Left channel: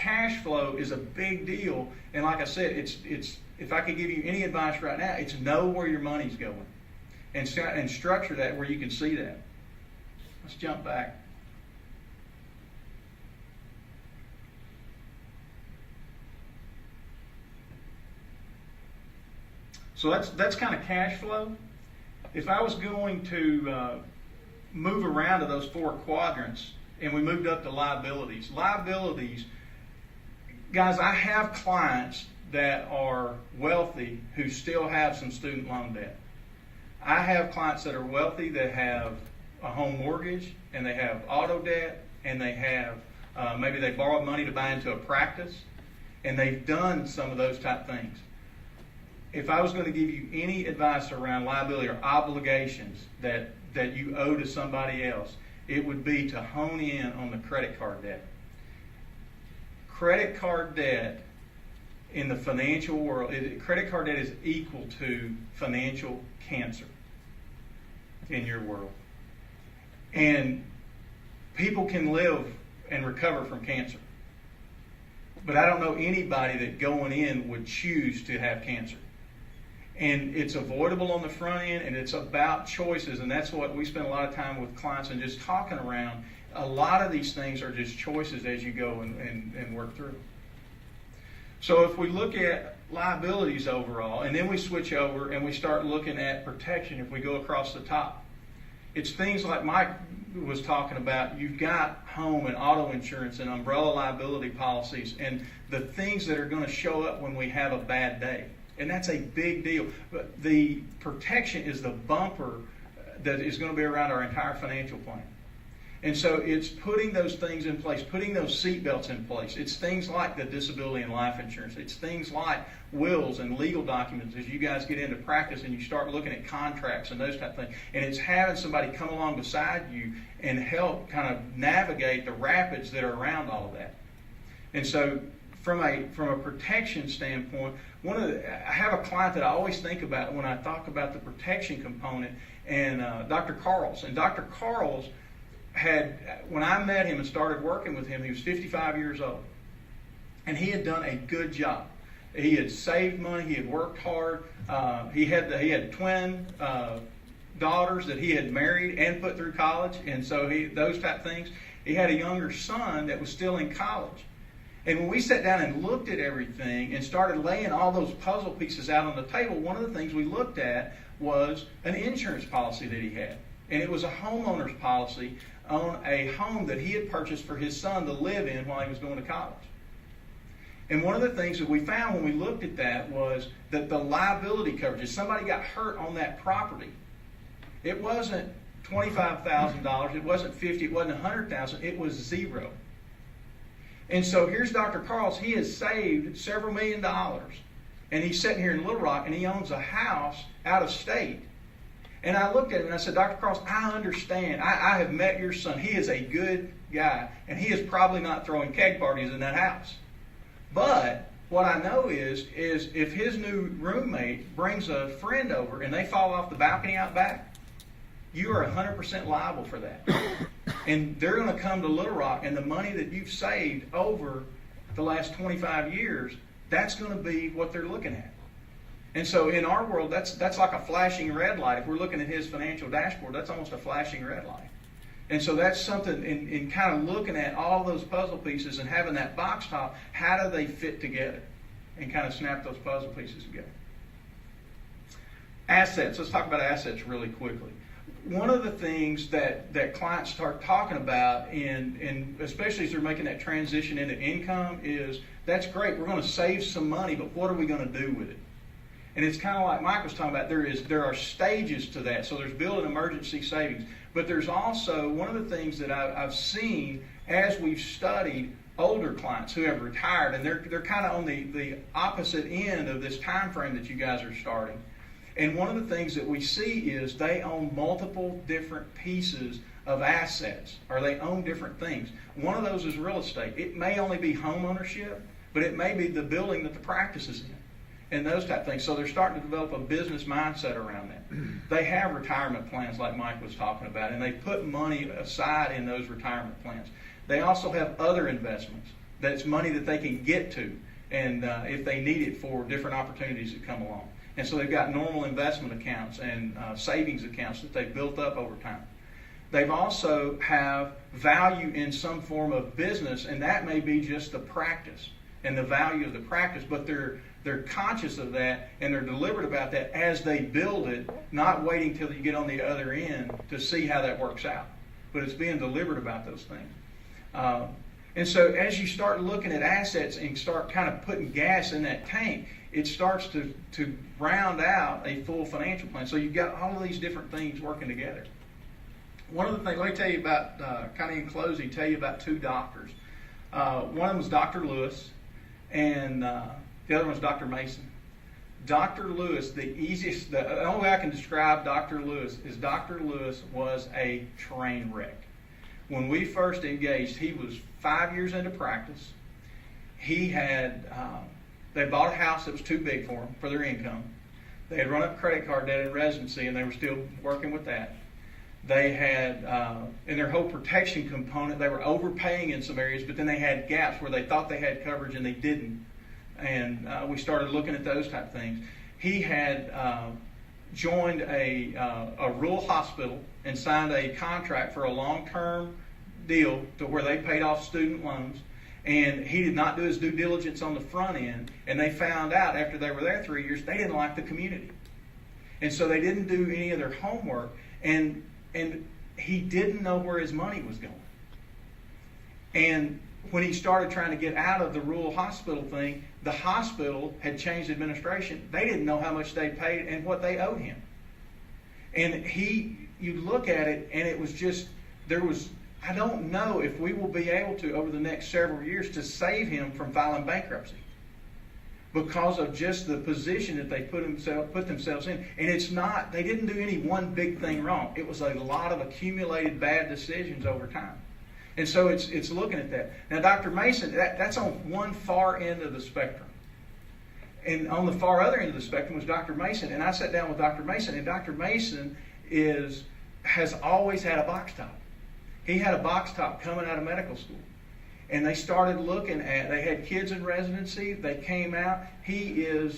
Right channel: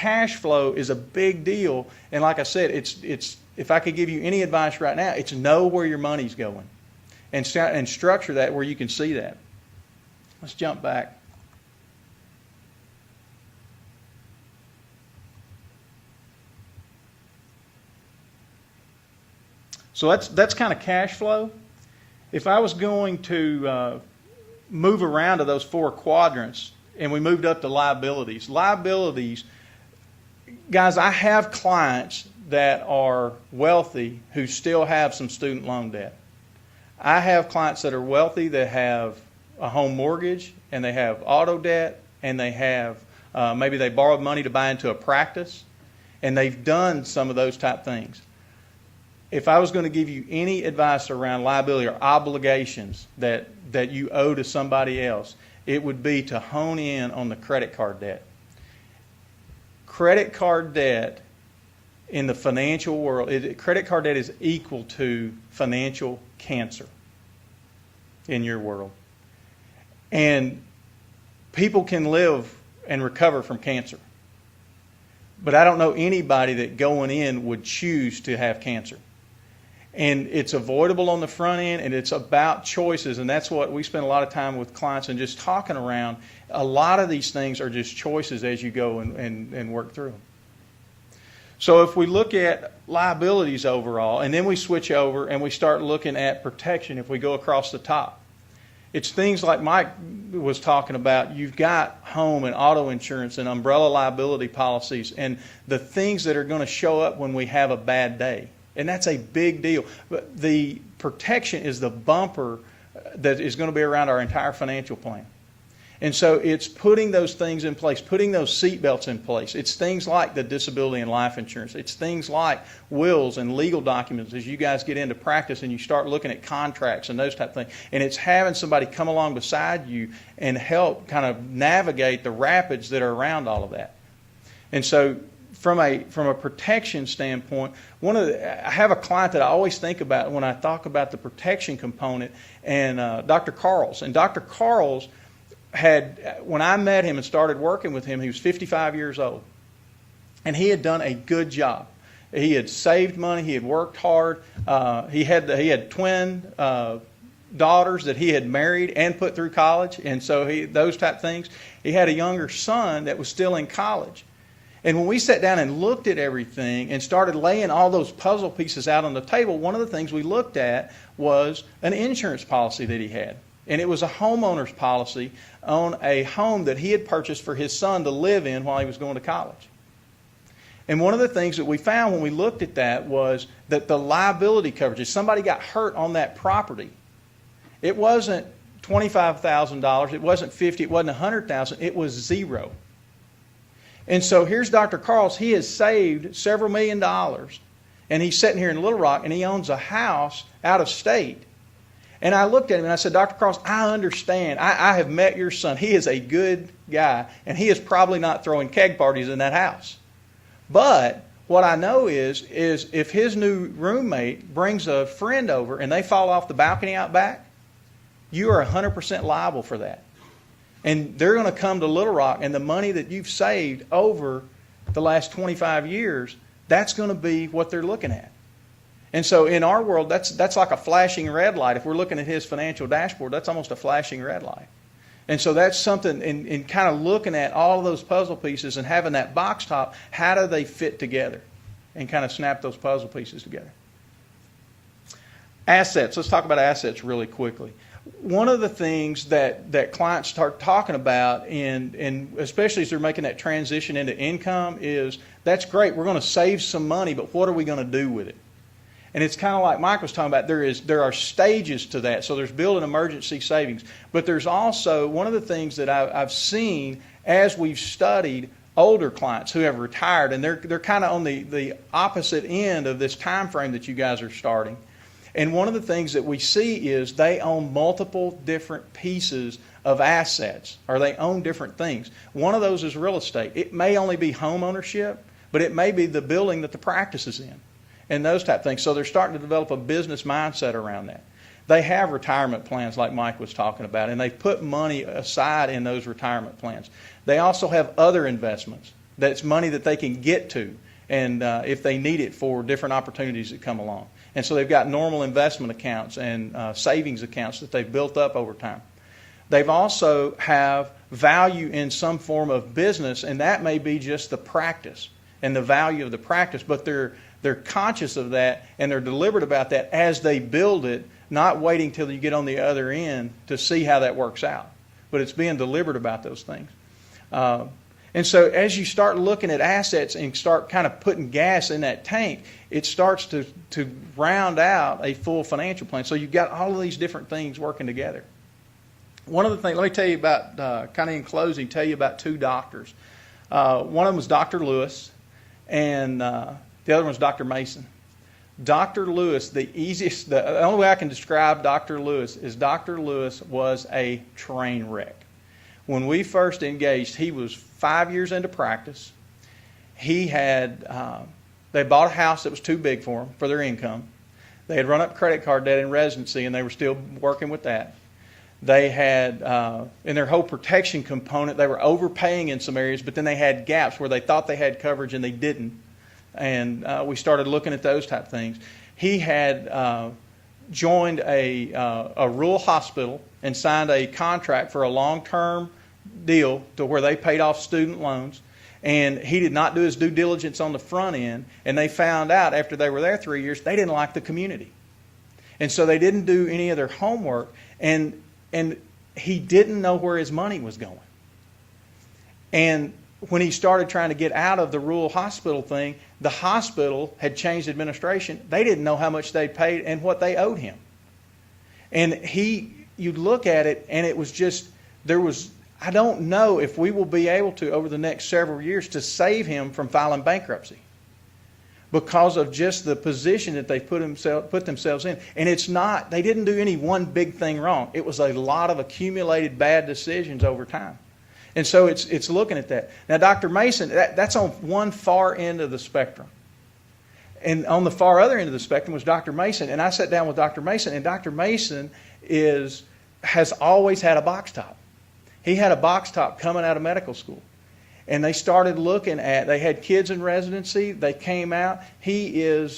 cash flow is a big deal. And like I said, it's if I could give you any advice right now, it's know where your money's going and structure that where you can see that. Let's jump back. So that's kind of cash flow. If I was going to move around to those four quadrants and we moved up to liabilities. Liabilities, guys, I have clients that are wealthy who still have some student loan debt. I have clients that are wealthy that have a home mortgage and they have auto debt and they have maybe they borrowed money to buy into a practice and they've done some of those type things. If I was going to give you any advice around liability or obligations that you owe to somebody else, it would be to hone in on the credit card debt. Credit card debt in the financial world, credit card debt is equal to financial cancer in your world. And people can live and recover from cancer. But I don't know anybody that going in would choose to have cancer. And it's avoidable on the front end, and it's about choices, and that's what we spend a lot of time with clients and just talking around. A lot of these things are just choices as you go and work through. So if we look at liabilities overall, and then we switch over and we start looking at protection if we go across the top. It's things like Mike was talking about. You've got home and auto insurance and umbrella liability policies and the things that are going to show up when we have a bad day. And that's a big deal. But the protection is the bumper that is going to be around our entire financial plan. And so it's putting those things in place, putting those seatbelts in place. It's things like the disability and life insurance. It's things like wills and legal documents as you guys get into practice and you start looking at contracts and those type of things. And it's having somebody come along beside you and help kind of navigate the rapids that are around all of that. And so from a protection standpoint, I have a client that I always think about when I talk about the protection component, and Dr. Carls. And Dr. Carls when I met him and started working with him, he was 55 years old. And he had done a good job. He had saved money. He had worked hard. He had twin daughters that he had married and put through college. And so those type things. He had a younger son that was still in college. And when we sat down and looked at everything and started laying all those puzzle pieces out on the table, one of the things we looked at was an insurance policy that he had. And it was a homeowner's policy on a home that he had purchased for his son to live in while he was going to college. And one of the things that we found when we looked at that was that the liability coverage, if somebody got hurt on that property, it wasn't $25,000, it wasn't $50,000, it wasn't $100,000, it was zero. And so here's Dr. Carls. He has saved several $1 million, and he's sitting here in Little Rock, and he owns a house out of state. And I looked at him and I said, Dr. Carls, I understand. I have met your son. He is a good guy, and he is probably not throwing keg parties in that house. But what I know is if his new roommate brings a friend over and they fall off the balcony out back, you are 100% liable for that. And they're going to come to Little Rock, and the money that you've saved over the last 25 years, that's going to be what they're looking at. And so in our world, that's like a flashing red light. If we're looking at his financial dashboard, that's almost a flashing red light. And so that's something in kind of looking at all of those puzzle pieces and having that box top, how do they fit together? And kind of snap those puzzle pieces together. Assets. Let's talk about assets really quickly. One of the things that clients start talking about, and especially as they're making that transition into income, is that's great. We're going to save some money, but what are we going to do with it? And it's kind of like Mike was talking about. There are stages to that. So there's building emergency savings, but there's also one of the things that I've seen as we've studied older clients who have retired, and they're kind of on the opposite end of this time frame that you guys are starting. And one of the things that we see is they own multiple different pieces of assets, or they own different things. One of those is real estate. It may only be home ownership, but it may be the building that the practice is in, and those type of things. So they're starting to develop a business mindset around that. They have retirement plans like Mike was talking about, and they put money aside in those retirement plans. They also have other investments that's money that they can get to, and if they need it for different opportunities that come along. And so they've got normal investment accounts and savings accounts that they've built up over time. They've also have value in some form of business, and that may be just the practice and the value of the practice, but they're conscious of that and they're deliberate about that as they build it, not waiting till you get on the other end to see how that works out. But it's being deliberate about those things. And so as you start looking at assets and start kind of putting gas in that tank, it starts to round out a full financial plan. So you've got all of these different things working together. One of the things, let me tell you about, kind of in closing, tell you about two doctors. One of them was Dr. Lewis, and the other one was Dr. Mason. Dr. Lewis, the only way I can describe Dr. Lewis is Dr. Lewis was a train wreck. When we first engaged, he was 5 years into practice. He had, they bought a house that was too big for them, for their income. They had run up credit card debt in residency, and they were still working with that. They had, in their whole protection component, they were overpaying in some areas, but then they had gaps where they thought they had coverage and they didn't. And we started looking at those type of things. He had joined a rural hospital and signed a contract for a long-term deal to where they paid off student loans. And he did not do his due diligence on the front end. And they found out after they were there 3 years, they didn't like the community. And so they didn't do any of their homework. And he didn't know where his money was going. And when he started trying to get out of the rural hospital thing, the hospital had changed administration. They didn't know how much they paid and what they owed him. And you'd look at it, and it was just, I don't know if we will be able to, over the next several years, to save him from filing bankruptcy because of just the position that they put themselves in. And it's not, they didn't do any one big thing wrong. It was a lot of accumulated bad decisions over time. And so it's looking at that. Now, Dr. Mason, that's on one far end of the spectrum. And on the far other end of the spectrum was Dr. Mason. And I sat down with Dr. Mason, and Dr. Mason has always had a box top. He had a box top coming out of medical school. And they started looking at, they had kids in residency. They came out. He'll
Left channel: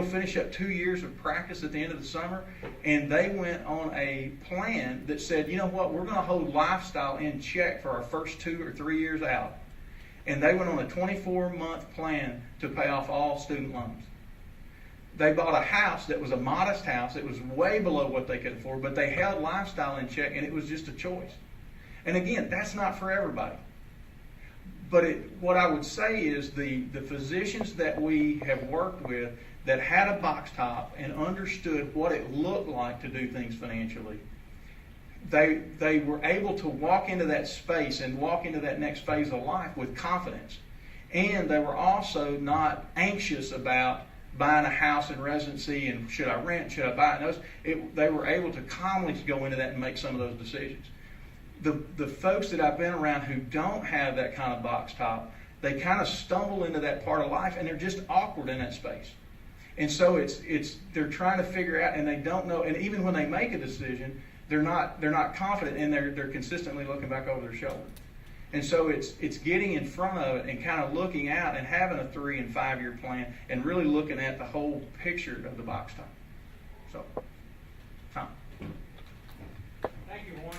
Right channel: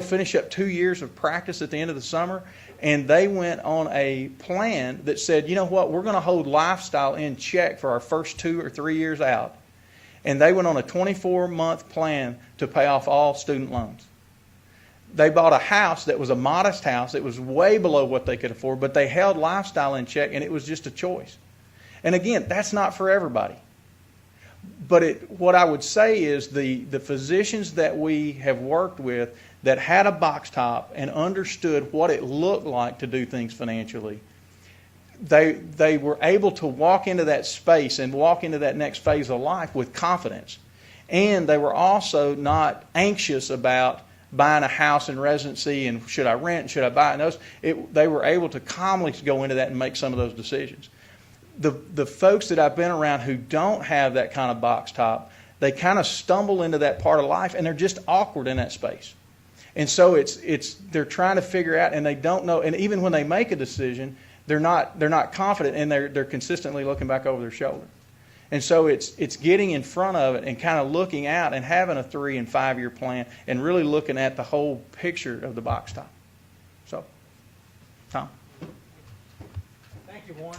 finish up 2 years of practice at the end of the summer. And they went on a plan that said, you know what, we're going to hold lifestyle in check for our first 2 or 3 years out. And they went on a 24-month plan to pay off all student loans. They bought a house that was a modest house. It was way below what they could afford, but they held lifestyle in check, and it was just a choice. And again, that's not for everybody. But what I would say is the physicians that we have worked with that had a box top and understood what it looked like to do things financially, they were able to walk into that space and walk into that next phase of life with confidence. And they were also not anxious about buying a house in residency and should I rent, should I buy it. They were able to calmly go into that and make some of those decisions. The folks that I've been around who don't have that kind of box top, they kind of stumble into that part of life and they're just awkward in that space. And so they're trying to figure out, and they don't know, and even when they make a decision, they're not confident, and they're consistently looking back over their shoulder. And so it's getting in front of it and kind of looking out and having a 3 and 5 year plan and really looking at the whole picture of the box top. So, Tom. Thank you, Warren.